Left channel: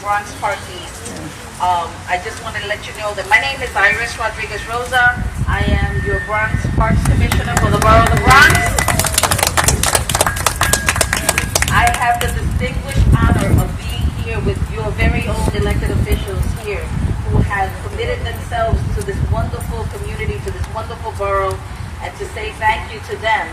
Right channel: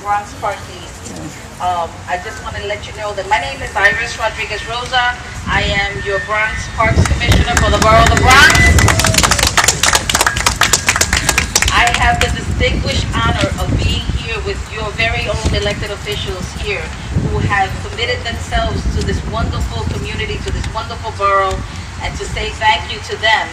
Bronx Park East. I just want to let you know that my name is Iris Rodriguez Rosa. I am your Bronx Parks Commissioner for the Borough of the Bronx. I have the distinguished honor of being here with your very own elected officials here who have committed themselves to this wonderful community, to this wonderful borough, and to say thank you to them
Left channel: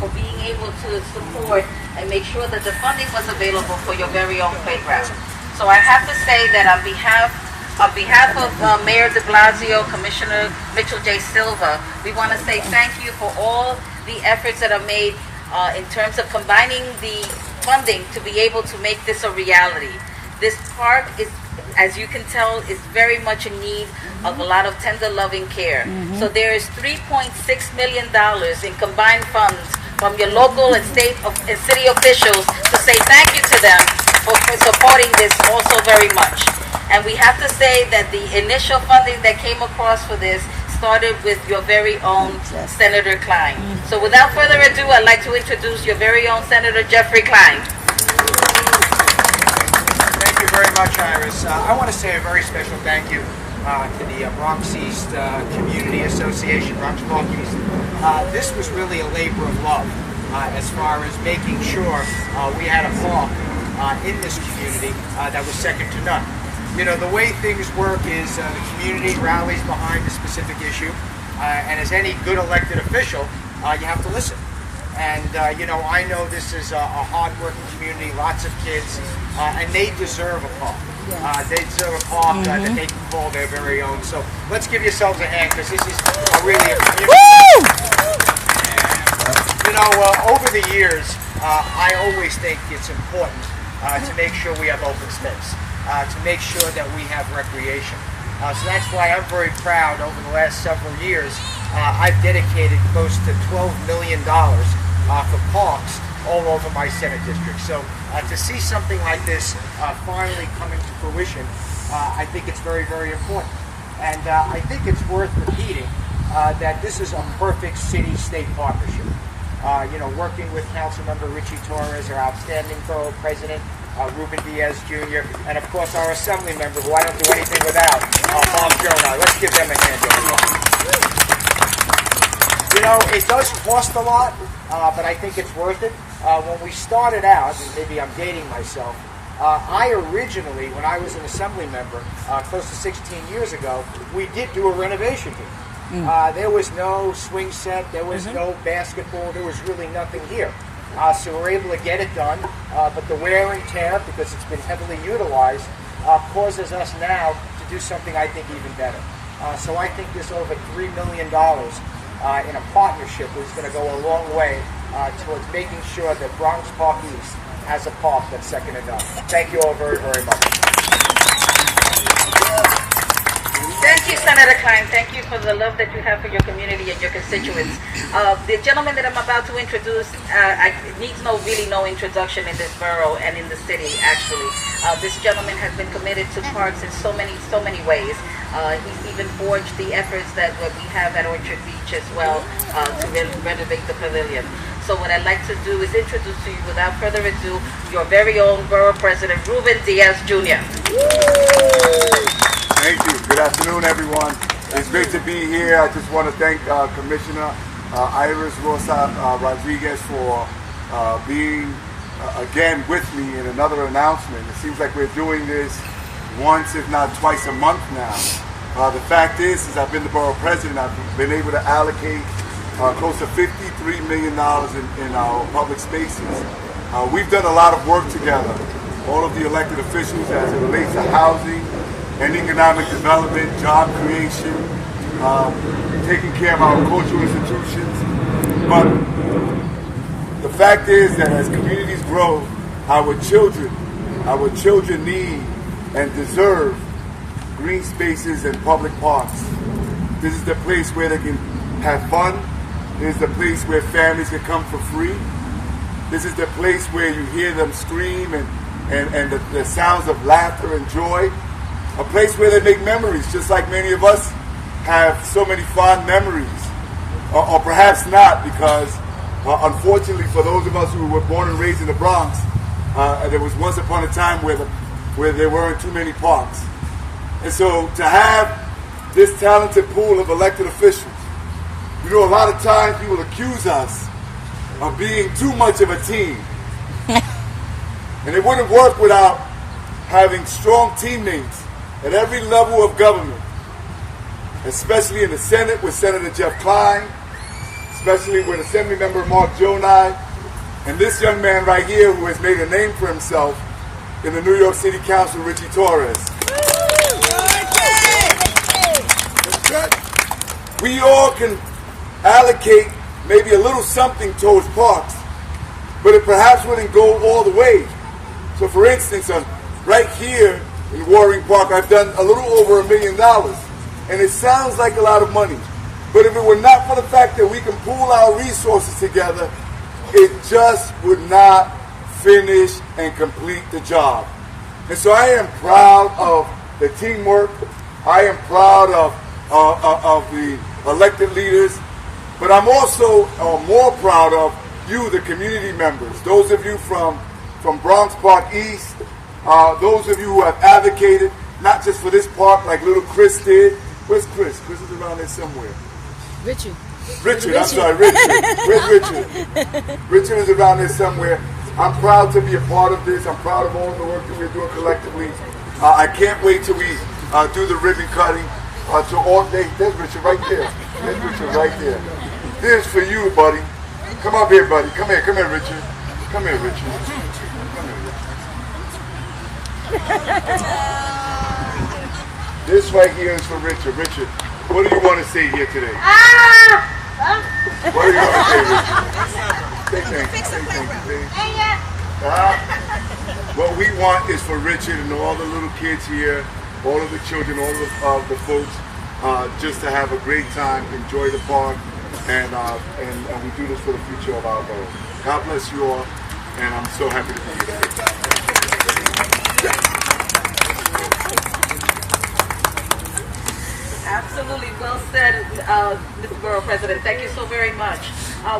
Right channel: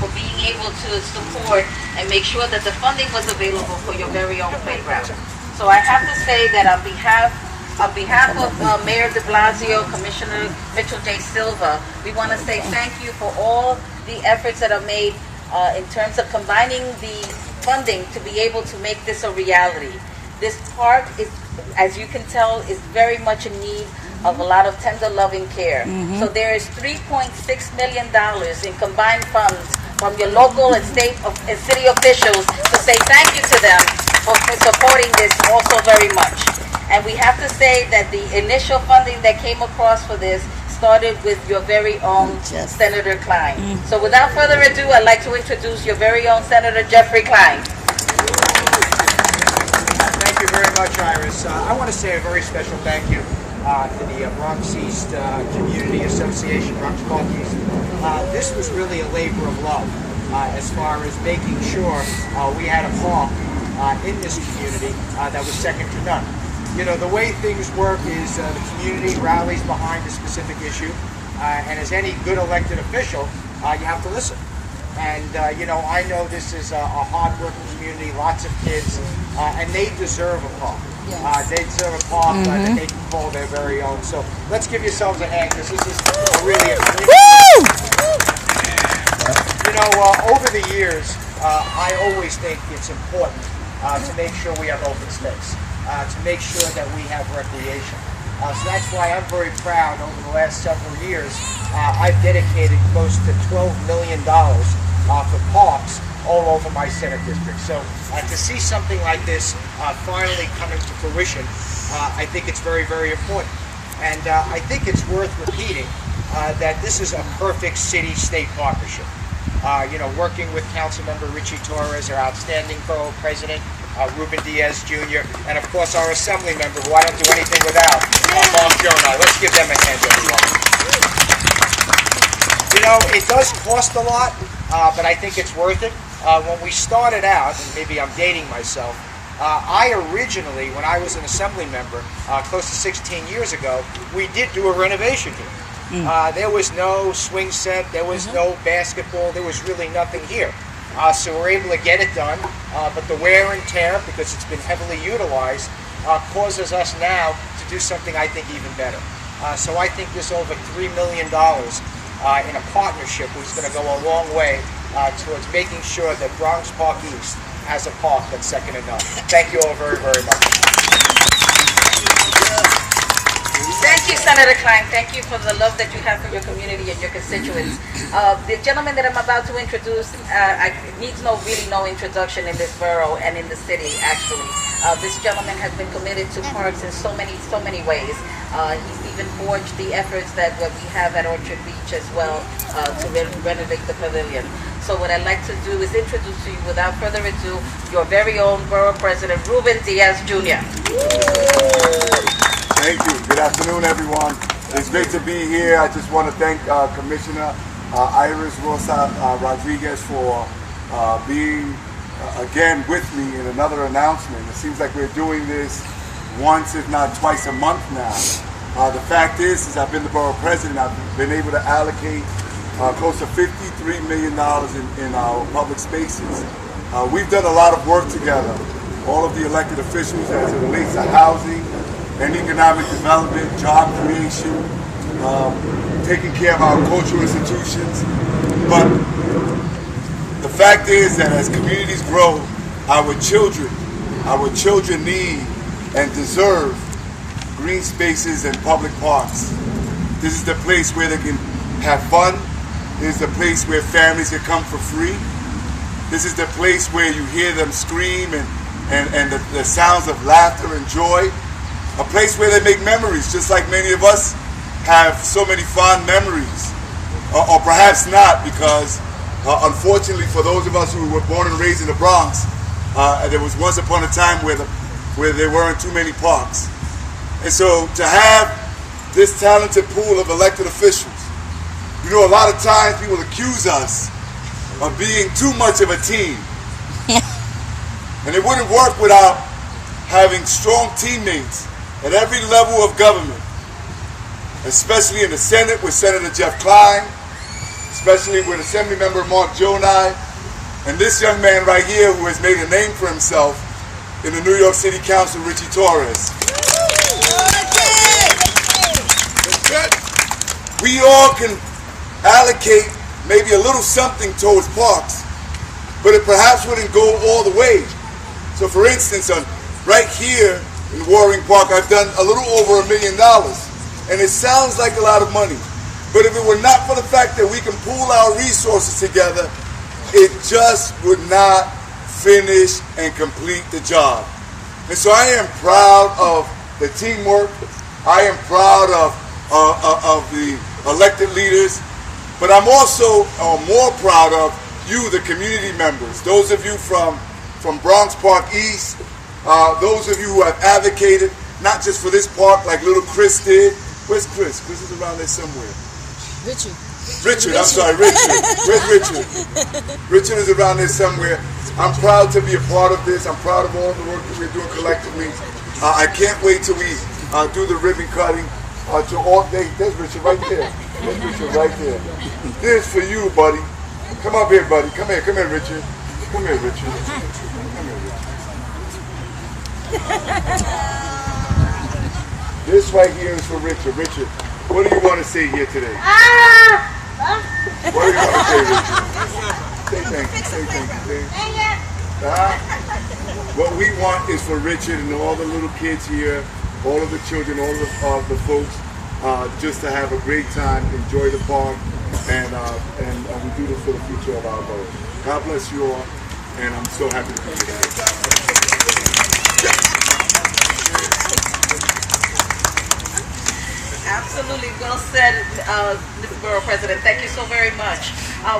for being able to support and make sure that the funding was available for your very own playground. So I have to say that on behalf of Mayor de Blasio, Commissioner Mitchell J. Silva, we want to say thank you for all the efforts that are made in terms of combining the funding to be able to make this a reality. This park is, as you can tell, is very much in need of a lot of tender loving care. So there is $3.6 million in combined funds from your local and state and city officials to say thank you to them for supporting this also very much. And we have to say that the initial funding that came across for this started with your very own Senator Klein. So without further ado, I'd like to introduce your very own Senator Jeffrey Klein. Thank you very much, Iris. I want to say a very special thank you to the Bronx East Community Association, Bronx Park East. This was really a labor of love as far as making sure we had a park in this community that was second to none. You know, the way things work is the community rallies behind a specific issue, and as any good elected official, you have to listen. And, you know, I know this is a hard-working community, lots of kids, and they deserve a park. They deserve a park that they can call their very own. So let's give yourselves a hand, because this is really a community. You know, over the years, I always think it's important to make sure we have open space, to make sure that we have recreation. So that's why I'm very proud over the last several years. I've dedicated close to $12 million for parks all over my Senate district. So to see something like this finally coming to fruition, I think it's very, very important. And I think it's worth repeating that this is a perfect city-state partnership. You know, working with Councilmember Richie Torres, our outstanding borough president, Ruben Diaz Jr., and of course our assembly member, who I don't do anything without, Mark Jonah. Let's give them a hand. You know, it does cost a lot, but I think it's worth it. When we started out, and maybe I'm dating myself, I originally, when I was an assembly member, close to 16 years ago, we did do a renovation here. There was no swing set, there was no basketball, there was really nothing here. So we're able to get it done, but the wear and tear, because it's been heavily utilized, causes us now to do something I think even better. So I think this over $3 million in a partnership is going to go a long way towards making sure that Bronx Park East has a park that's second to none. Thank you all very, very much. Thank you, Senator Klein. Thank you for the love that you have for your community and your constituents. The gentleman that I'm about to introduce needs really no introduction in this borough and in the city, actually. This gentleman has been committed to parks in so many ways. He's even forged the efforts that what we have at Orchard Beach as well to renovate the pavilion. So what I'd like to do is introduce to you, without further ado, your very own borough president, Ruben Diaz Jr. Thank you. Good afternoon, everyone. It's great to be here. I just want to thank Commissioner Iris Rosa Rodriguez for being again with me in another announcement. It seems like we're doing this once, if not twice a month now. The fact is, since I've been the borough president, I've been able to allocate close to $53 million in our public spaces. We've done a lot of work together, all of the elected officials, as it relates to housing and economic development, job creation, taking care of our cultural institutions. But the fact is that as communities grow, our children need and deserve green spaces and public parks. This is the place where they can have fun. This is the place where families can come for free. This is the place where you hear them scream and the sounds of laughter and joy. A place where they make memories, just like many of us have so many fond memories. Or perhaps not, because unfortunately for those of us who were born and raised in the Bronx, there was once upon a time where where there weren't too many parks. And so to have this talented pool of elected officials, you know, a lot of times people accuse us of being too much of a team. And it wouldn't work without having strong teammates at every level of government, especially in the Senate with Senator Jeff Klein, especially with Assemblymember Mark Jonai, and this young man right here who has made a name for himself in the New York City Council, Richie Torres. We all can allocate maybe a little something towards parks, but it perhaps wouldn't go all the way. So for instance, right here in Waring Park, I've done a little over $1 million. And it sounds like a lot of money. But if it were not for the fact that we can pool our resources together, it just would not finish and complete the job. And so I am proud of the teamwork. I am proud of the elected leaders. But I'm also more proud of you, the community members. Those of you from Bronx Park East, those of you who have advocated, not just for this park like little Chris did. Where's Chris? Chris is around there somewhere. Richard, I'm sorry, Richard. Where's Richard? Richard is around there somewhere. I'm proud to be a part of this. I'm proud of all the work that we're doing collectively. I can't wait till we do the ribbon cutting. To all day. There's Richard right there. There's Richard right there. This is for you, buddy. Come up here, buddy. Come here, Richard. Come here, Richard. Come here, Richard. This right here is for Richard. Richard, what do you want to say here today? What do you want to say, Richard? Say thank you. Say thank you. What we want is for Richard and all the little kids here, all of the children, all of the folks, just to have a great time, enjoy the park, and we do this for the future of our borough. God bless you all, and I'm so happy to be here. Absolutely, well said, Mr. Borough President. Thank you so very much.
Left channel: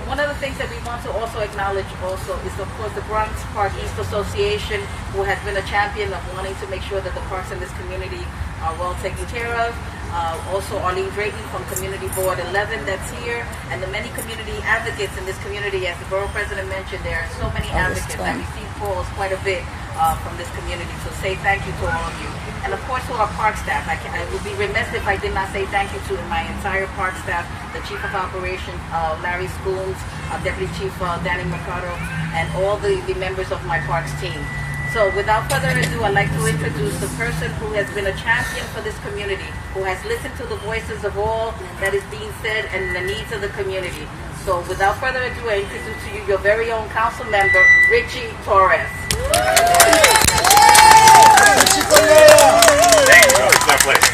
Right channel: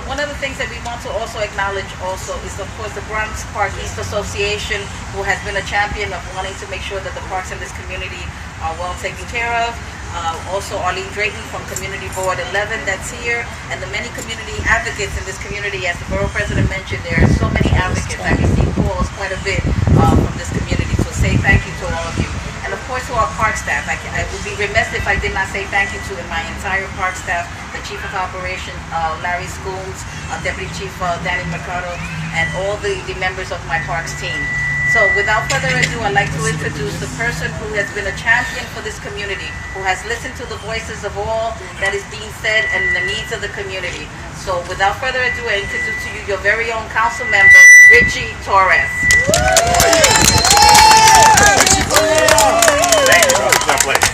One of the things that we want to also acknowledge also is, of course, the Bronx Park East Association, who has been a champion of wanting to make sure that the parks in this community are well taken care of. Also, Arlene Drayton from Community Board 11 that's here, and the many community advocates in this community. As the Borough President mentioned, there are so many advocates. I receive calls quite a bit from this community, so say thank you to all of you. And of course to our park staff. I would be remiss if I did not say thank you to my entire park staff, the Chief of Operations, Larry Scooms, Deputy Chief Danny Mercado, and all the members of my parks team. So without further ado, I'd like to introduce the person who has been a champion for this community, who has listened to the voices of all that is being said and the needs of the community. So without further ado, I introduce to you your very own council member, Richie Torres. Thank you. It's my pleasure.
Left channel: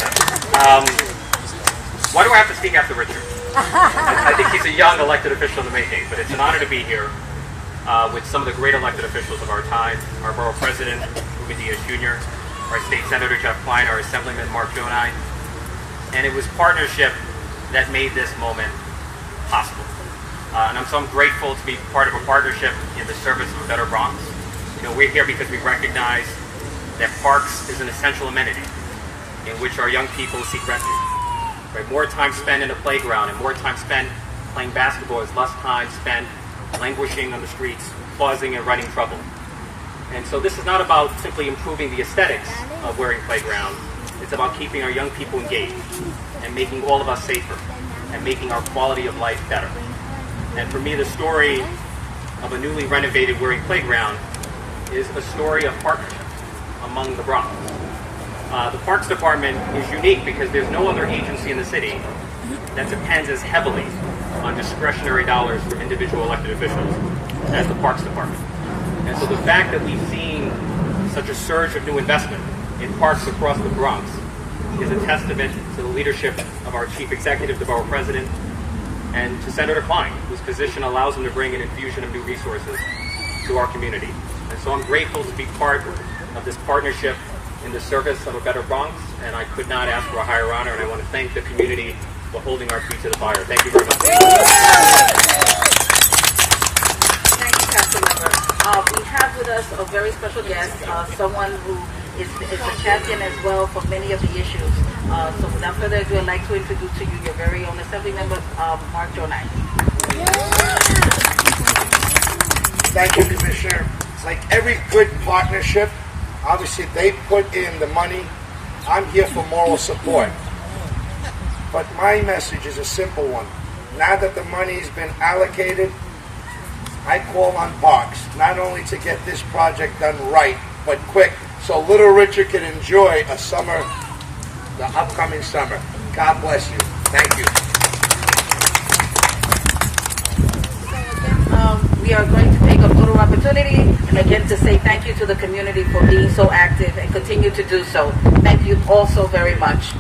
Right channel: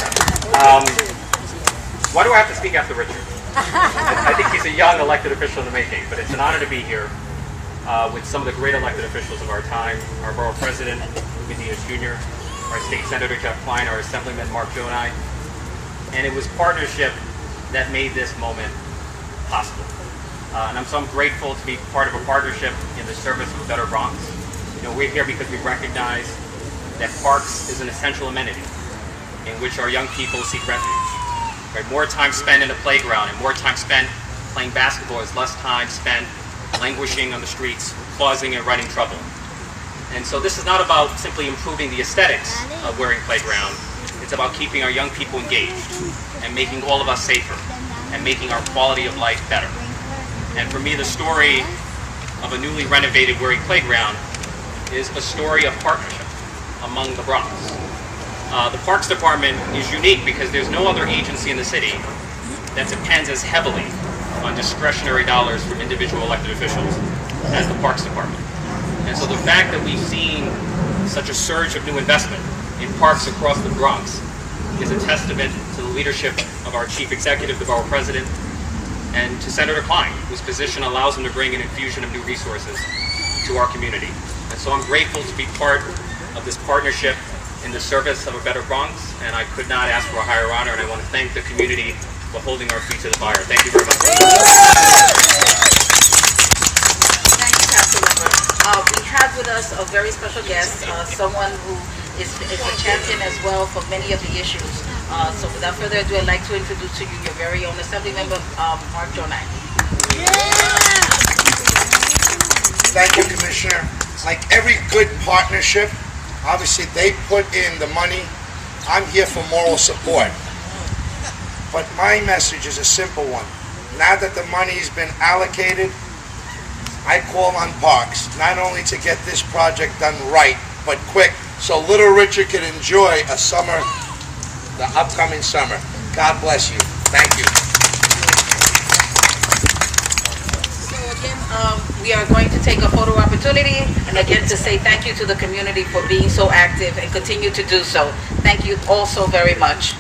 Why do I have to speak after Richard? I think he's a young elected official in the making, but it's an honor to be here with some of the great elected officials of our time, our borough president, Ruben Diaz Jr., our state senator, Jeff Klein, our assemblyman, Mark Jonai. And it was partnership that made this moment possible. And I'm so grateful to be part of a partnership in the service of a better Bronx. You know, we're here because we recognize that parks is an essential amenity in which our young people seek refuge. Right? More time spent in a playground and more time spent playing basketball is less time spent languishing on the streets, causing and running trouble. And so this is not about simply improving the aesthetics of Waring Playground. It's about keeping our young people engaged and making all of us safer and making our quality of life better. And for me, the story of a newly renovated Waring Playground is a story of partnership among the Bronx. The Parks Department is unique because there's no other agency in the city that depends as heavily on discretionary dollars from individual elected officials as the Parks Department. And so the fact that we've seen such a surge of new investment in parks across the Bronx is a testament to the leadership of our Chief Executive, the Borough President, and to Senator Klein, whose position allows him to bring an infusion of new resources to our community. And so I'm grateful to be part of this partnership in the service of a better Bronx, and I could not ask for a higher honor, and I want to thank the community for holding our feet to the fire. Thank you very much. Thank you, Councilmember. We have with us a very special guest, someone who is a champion as well for many of the issues. So without further ado, I'd like to introduce to you your very own Assembly Member, Mark Jonai. Thank you, Commissioner. Like every good partnership, obviously they put in the money. I'm here for moral support. But my message is a simple one. Now that the money's been allocated, I call on Parks, not only to get this project done right, but quick, so Little Richard can enjoy a summer, the upcoming summer. God bless you. Thank you. We are going to take a photo opportunity and again to say thank you to the community for being so active and continue to do so. Thank you all so very much.